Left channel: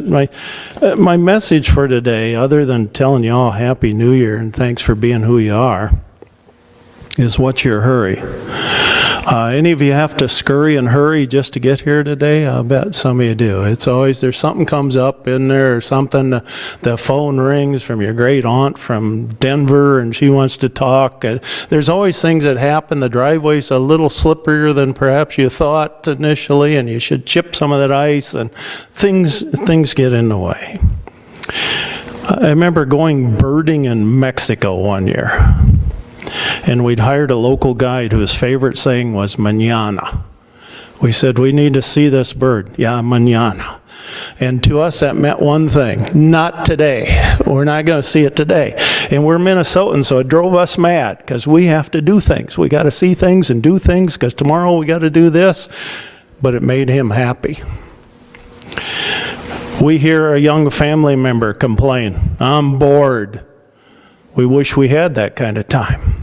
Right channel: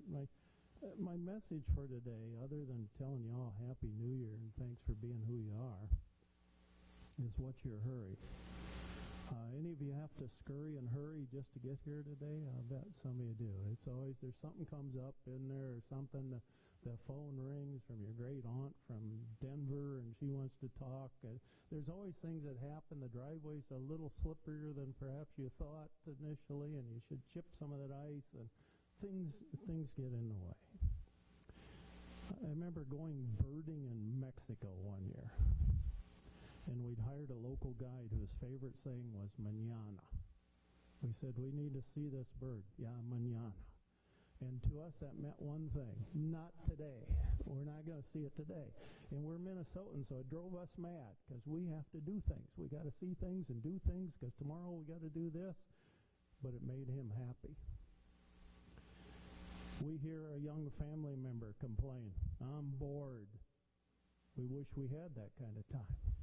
My message for today, other than telling you all Happy New Year and thanks for being who you are, is what's your hurry? Any of you have to scurry and hurry just to get here today? I'll bet some of you do. It's always, there's something comes up in there or something, the phone rings from your great aunt from Denver and she wants to talk. There's always things that happen. The driveway's a little slipperier than perhaps you thought initially, and you should chip some of that ice, and things get in the way. I remember going birding in Mexico one year. And we'd hired a local guide whose favorite saying was mañana. We said, we need to see this bird. Yeah, mañana. And to us that meant one thing, not today. We're not going to see it today. And we're Minnesotans, so it drove us mad because we have to do things. We got to see things and do things because tomorrow we got to do this. But it made him happy. We hear a young family member complain, I'm bored. We wish we had that kind of time.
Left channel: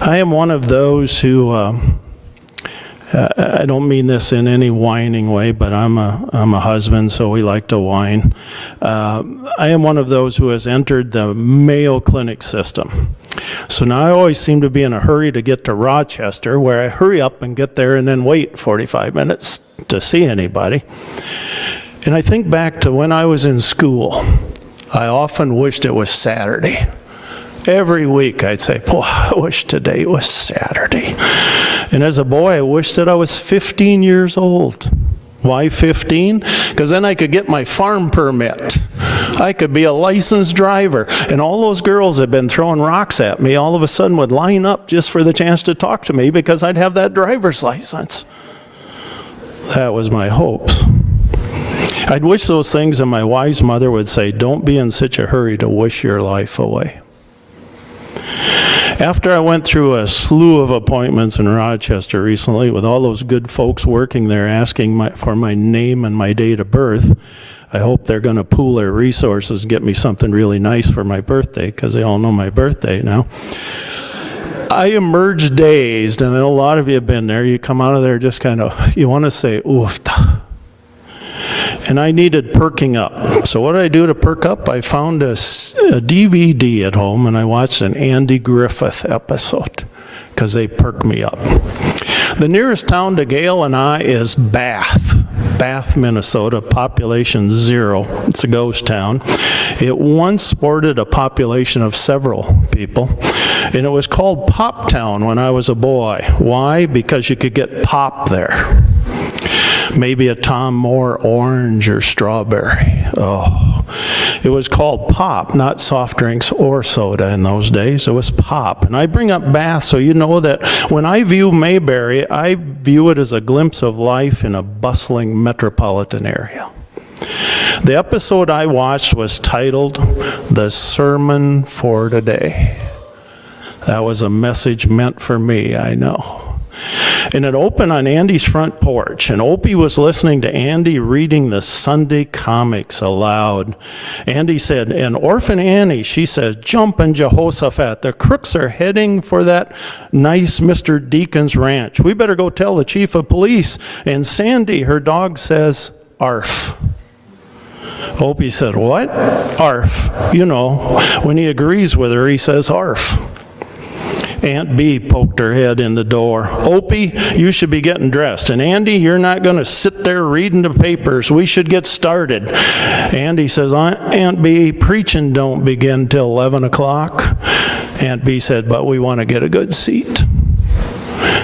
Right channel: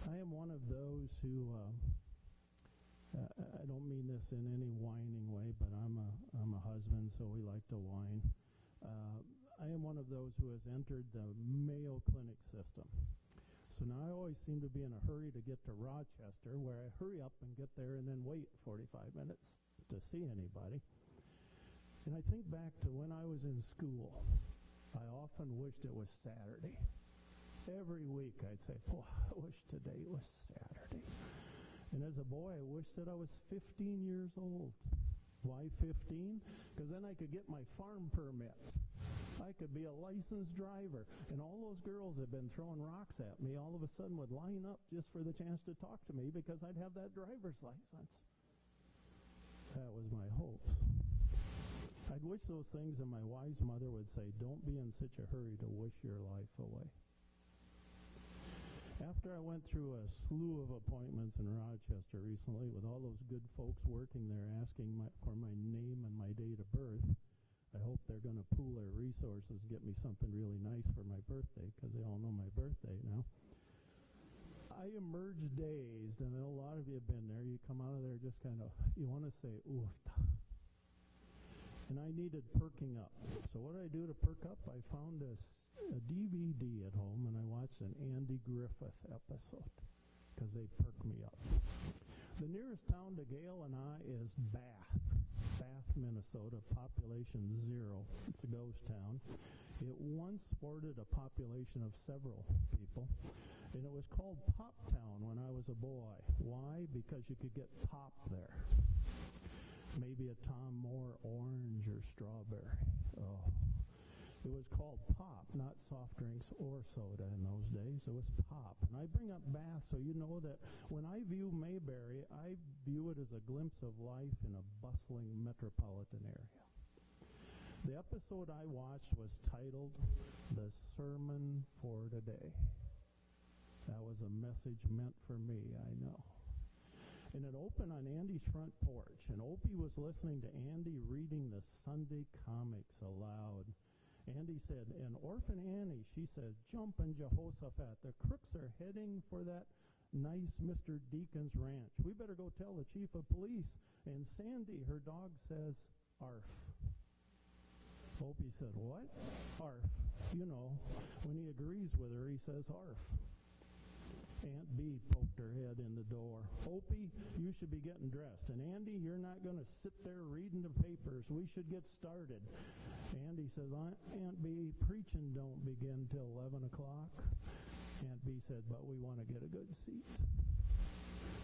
I am one of those who, I don't mean this in any whining way, but I'm a husband, so we like to whine. I am one of those who has entered the Mayo Clinic system. So now I always seem to be in a hurry to get to Rochester, where I hurry up and get there and then wait 45 minutes to see anybody. And I think back to when I was in school. I often wished it was Saturday. Every week I'd say, boy, I wish today was Saturday. And as a boy, I wished that I was 15 years old. Why 15? Because then I could get my farm permit. I could be a licensed driver. And all those girls that had been throwing rocks at me all of a sudden would line up just for the chance to talk to me because I'd have that driver's license. That was my hopes. I'd wish those things, and my wise mother would say, don't be in such a hurry to wish your life away. After I went through a slew of appointments in Rochester recently with all those good folks working there asking for my name and my date of birth, I hope they're going to pool their resources and get me something really nice for my birthday, because they all know my birthday now. I emerged dazed, and I know a lot of you have been there. You come out of there just kind of, you want to say, oof. And I needed perking up. So what did I do to perk up? I found a DVD at home, and I watched an Andy Griffith episode because they perked me up. The nearest town to Gail and I is Bath, Minnesota, population 0. It's a ghost town. It once sported a population of several people, and it was called Pop Town when I was a boy. Why? Because you could get pop there. Maybe a Tom Moore orange or strawberry. Oh, it was called pop, not soft drinks or soda in those days. It was pop. And I bring up Bath so you know that when I view Mayberry, I view it as a glimpse of life in a bustling metropolitan area. The episode I watched was titled, The Sermon for Today. That was a message meant for me, I know. And it opened on Andy's front porch, and Opie was listening to Andy reading the Sunday comics aloud. Andy said, and Orphan Annie, she says, jumpin' Jehoshaphat, the crooks are heading for that nice Mr. Deacon's ranch. We better go tell the chief of police. And Sandy, her dog, says, arf. Opie said, what? Arf. You know, when he agrees with her, he says arf. Aunt Bee poked her head in the door. Opie, you should be getting dressed. And Andy, you're not going to sit there reading the papers. We should get started. Andy says, Aunt Bee, preaching don't begin till 11 o'clock. Aunt Bee said, but we want to get a good seat.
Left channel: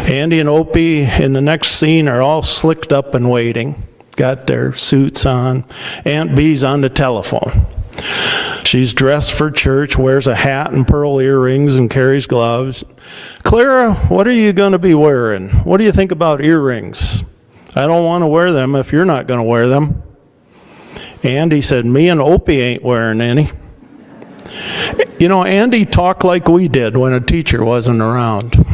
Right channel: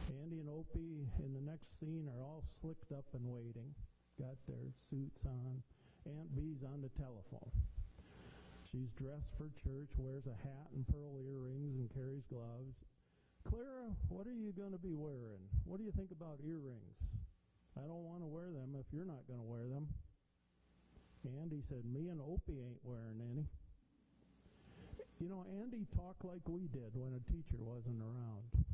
Andy and Opie in the next scene are all slicked up and waiting. Got their suits on. Aunt Bee's on the telephone. She's dressed for church, wears a hat and pearl earrings, and carries gloves. Clara, what are you going to be wearing? What do you think about earrings? I don't want to wear them if you're not going to wear them. Andy said, me and Opie ain't wearing any. You know, Andy talked like we did when a teacher wasn't around.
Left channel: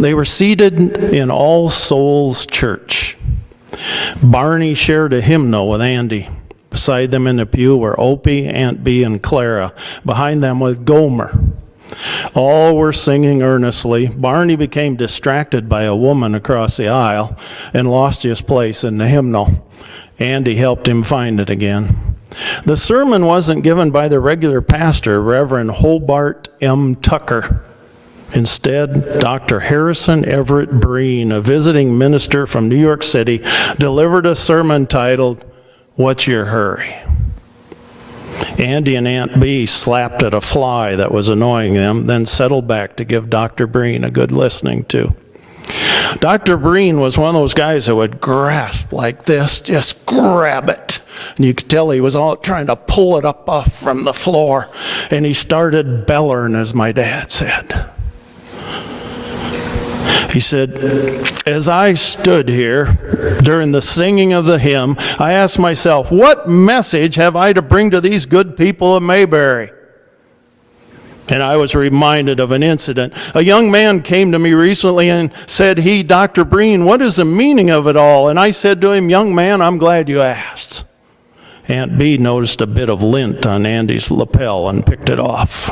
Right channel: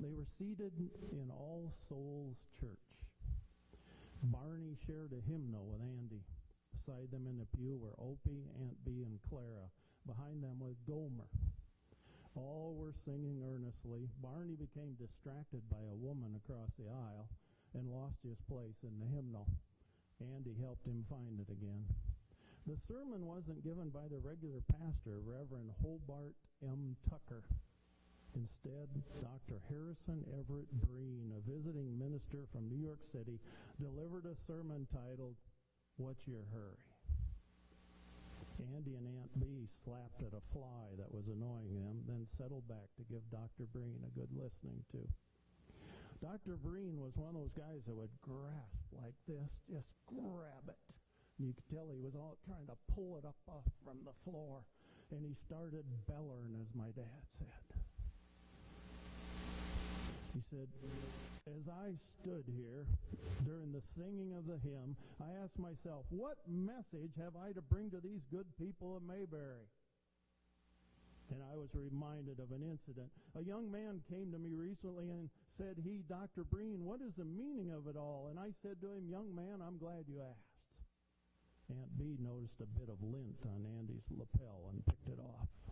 They were seated in All Souls Church. Barney shared a hymnal with Andy. Beside them in the pew were Opie, Aunt Bee, and Clara. Behind them was Gomer. All were singing earnestly. Barney became distracted by a woman across the aisle and lost his place in the hymnal. Andy helped him find it again. The sermon wasn't given by the regular pastor, Reverend Hobart M. Tucker. Instead, Dr. Harrison Everett Breen, a visiting minister from New York City, delivered a sermon titled, "What's Your Hurry?" Andy and Aunt Bee slapped at a fly that was annoying them, then settled back to give Dr. Breen a good listening to. Dr. Breen was one of those guys that would grasp like this, just grab it. And you could tell he was all trying to pull it up off from the floor. And he started bellering, as my dad said. He said, "As I stood here during the singing of the hymn, I asked myself, what message have I to bring to these good people of Mayberry?" And I was reminded of an incident. A young man came to me recently and said, "Dr. Breen, what is the meaning of it all?" And I said to him, "Young man, I'm glad you asked." Aunt Bee noticed a bit of lint on Andy's lapel and picked it off.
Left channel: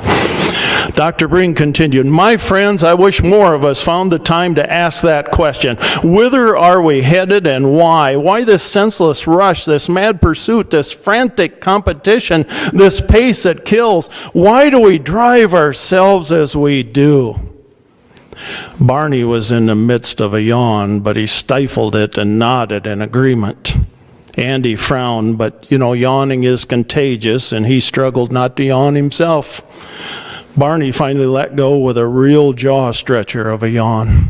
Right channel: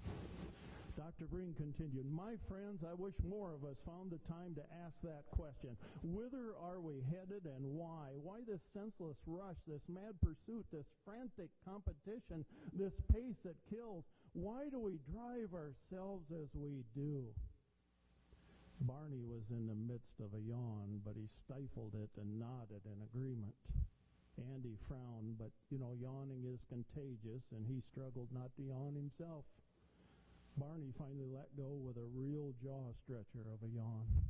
Dr. Breen continued, "My friends, I wish more of us found the time to ask that question. Whither are we headed and why? Why this senseless rush, this mad pursuit, this frantic competition, this pace that kills? Why do we drive ourselves as we do?" Barney was in the midst of a yawn, but he stifled it and nodded in agreement. Andy frowned, but yawning is contagious, and he struggled not to yawn himself. Barney finally let go with a real jaw stretcher of a yawn.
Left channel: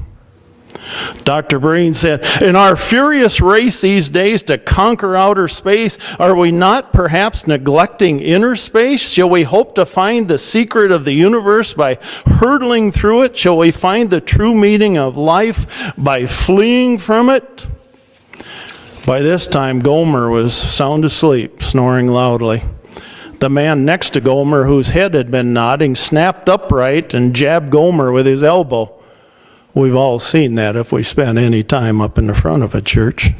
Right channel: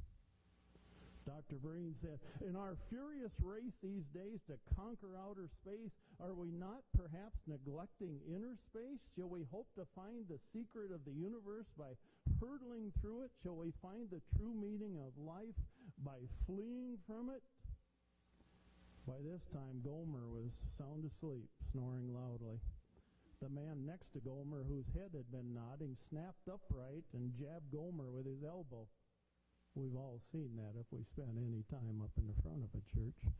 Dr. Breen said, "In our furious race these days to conquer outer space, are we not perhaps neglecting inner space? Shall we hope to find the secret of the universe by hurtling through it? Shall we find the true meaning of life by fleeing from it?" By this time, Gomer was sound asleep, snoring loudly. The man next to Gomer, whose head had been nodding, snapped upright and jabbed Gomer with his elbow. We've all seen that if we spent any time up in the front of a church.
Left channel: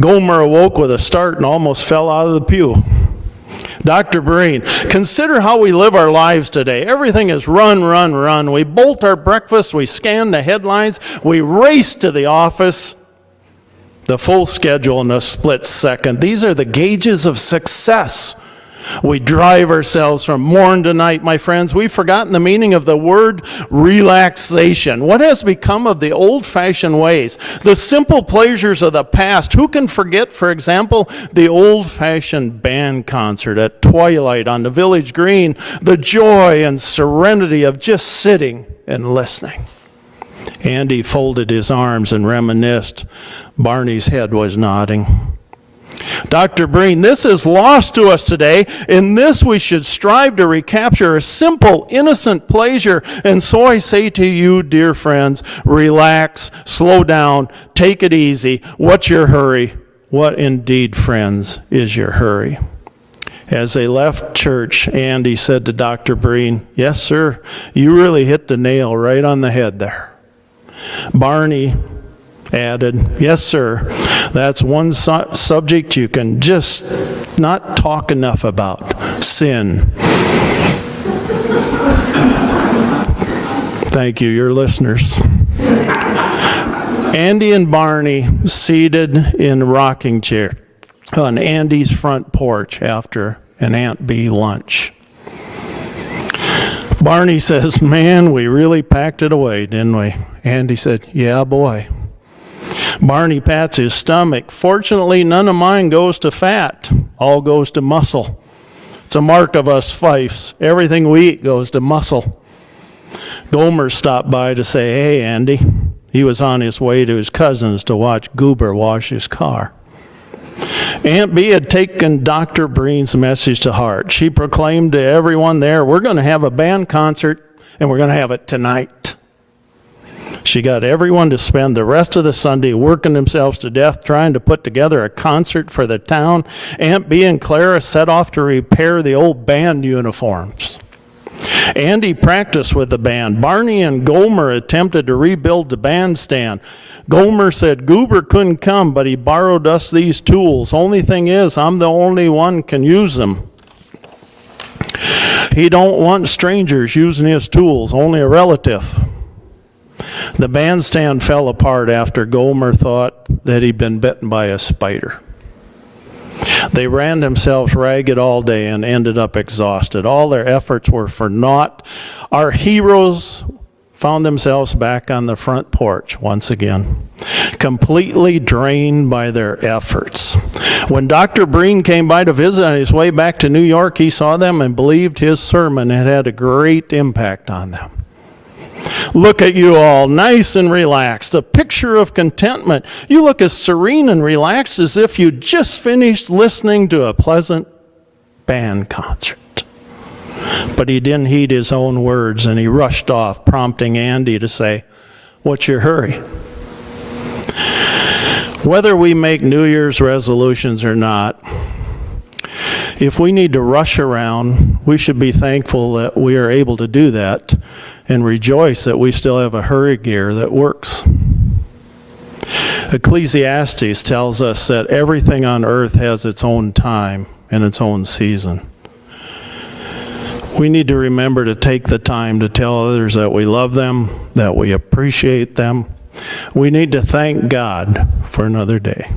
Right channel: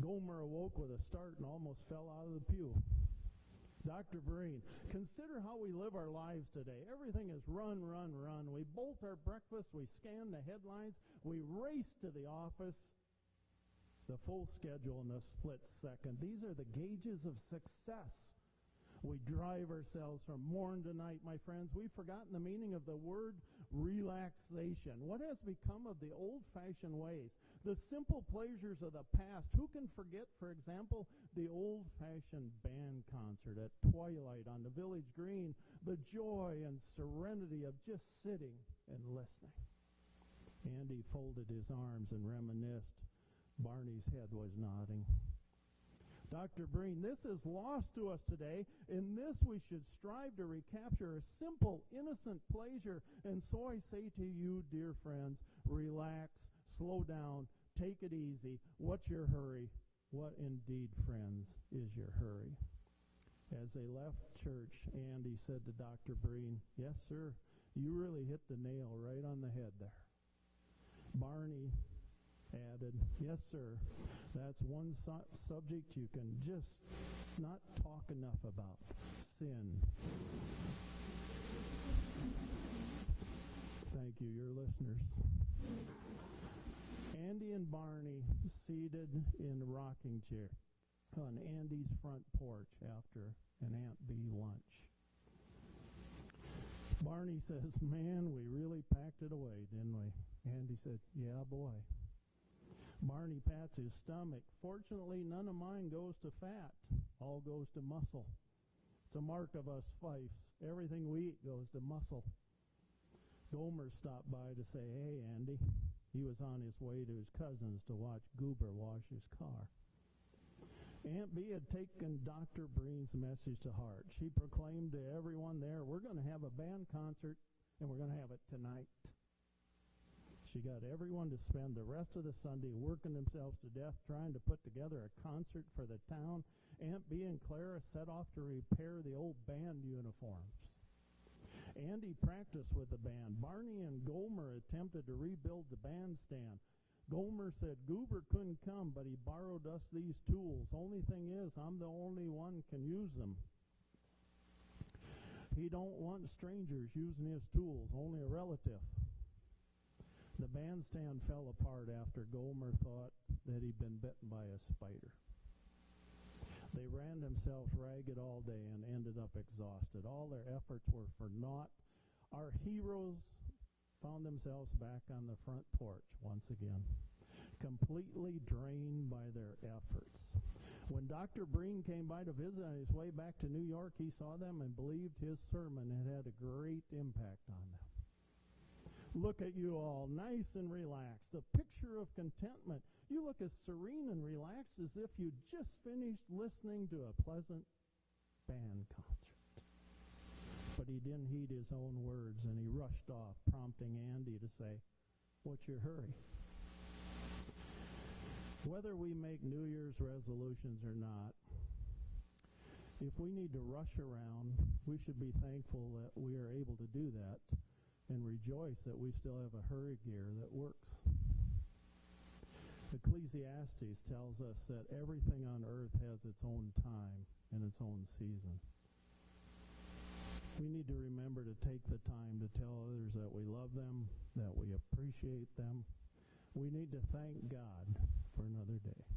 Gomer awoke with a start and almost fell out of the pew. Dr. Breen, consider how we live our lives today. Everything is run, run, run. We bolt our breakfast, we scan the headlines, we race to the office. The full schedule in a split second. These are the gauges of success. We drive ourselves from morn to night, my friends. We've forgotten the meaning of the word relaxation. What has become of the old-fashioned ways, the simple pleasures of the past? Who can forget, for example, the old-fashioned band concert at twilight on the village green, the joy and serenity of just sitting and listening? Andy folded his arms and reminisced. Barney's head was nodding. Dr. Breen, this is lost to us today. In this we should strive to recapture a simple, innocent pleasure. And so I say to you, dear friends, relax, slow down, take it easy. What's your hurry? What indeed, friends, is your hurry? As they left church, Andy said to Dr. Breen, "Yes, sir, you really hit the nail right on the head there." Barney added, "Yes, sir, that's one subject you can just not talk enough about, sin." Thank you, your listeners. Andy and Barney seated in a rocking chair on Andy's front porch after an Aunt Bee lunch. Barney says, "Man, we really packed it away, didn't we?" Andy said, "Yeah, boy." Barney pats his stomach. "Fortunately, none of mine goes to fat. All goes to muscle. It's a mark of us Fifes. Everything we eat goes to muscle." Gomer stopped by to say, "Hey, Andy." He was on his way to his cousin's to watch Goober wash his car. Aunt Bee had taken Dr. Breen's message to heart. She proclaimed to everyone there, "We're going to have a band concert, and we're going to have it tonight." She got everyone to spend the rest of the Sunday working themselves to death trying to put together a concert for the town. Aunt Bee and Clara set off to repair the old band uniforms. Andy practiced with the band. Barney and Gomer attempted to rebuild the bandstand. Gomer said Goober couldn't come, but he borrowed us these tools. Only thing is, I'm the only one can use them. He don't want strangers using his tools, only a relative. The bandstand fell apart after Gomer thought that he'd been bitten by a spider. They ran themselves ragged all day and ended up exhausted. All their efforts were for naught. Our heroes found themselves back on the front porch once again, completely drained by their efforts. When Dr. Breen came by to visit on his way back to New York, he saw them and believed his sermon had had a great impact on them. Look at you all, nice and relaxed, a picture of contentment. You look as serene and relaxed as if you just finished listening to a pleasant band concert. But he didn't heed his own words, and he rushed off, prompting Andy to say, "What's your hurry?" Whether we make New Year's resolutions or not, if we need to rush around, we should be thankful that we are able to do that and rejoice that we still have a hurry gear that works. Ecclesiastes tells us that everything on earth has its own time and its own season. We need to remember to take the time to tell others that we love them, that we appreciate them. We need to thank God for another day.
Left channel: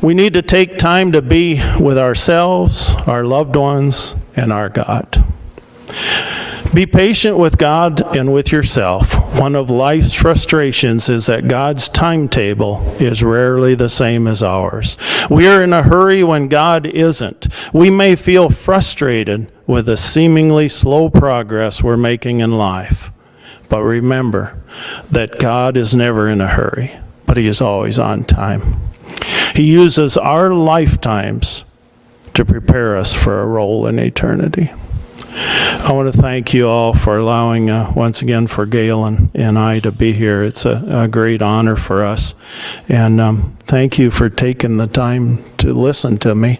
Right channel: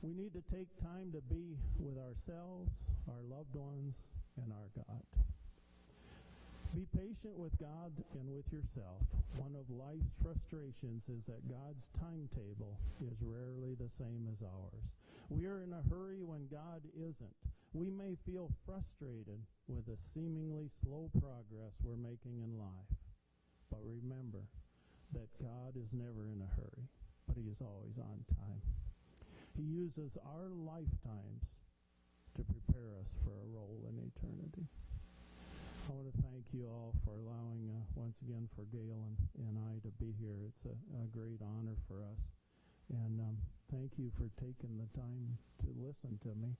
We need to take time to be with ourselves, our loved ones, and our God. Be patient with God and with yourself. One of life's frustrations is that God's timetable is rarely the same as ours. We are in a hurry when God isn't. We may feel frustrated with the seemingly slow progress we're making in life. But remember that God is never in a hurry, but He is always on time. He uses our lifetimes to prepare us for a role in eternity. I want to thank you all for allowing, once again, for Gail and I to be here. It's a great honor for us. And thank you for taking the time to listen to me.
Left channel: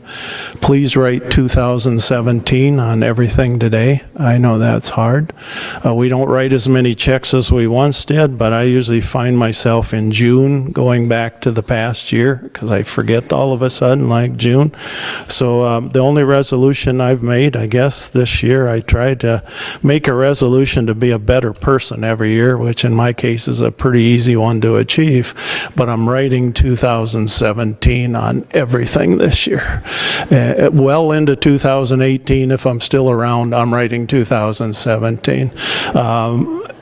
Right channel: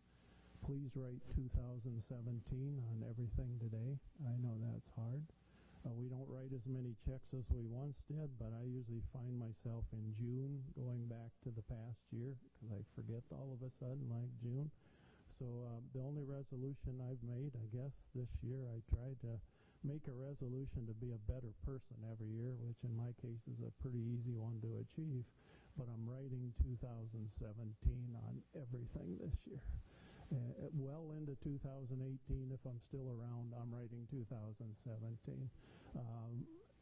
Please write 2017 on everything today. I know that's hard. We don't write as many checks as we once did, but I usually find myself in June going back to the past year because I forget all of a sudden, like June. So the only resolution I've made, I guess, this year, I tried to make a resolution to be a better person every year, which in my case is a pretty easy one to achieve. But I'm writing 2017 on everything this year. Well into 2018, if I'm still around, I'm writing 2017.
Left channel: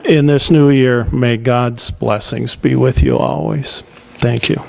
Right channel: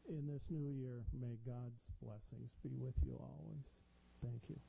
In this new year, may God's blessings be with you always. Thank you.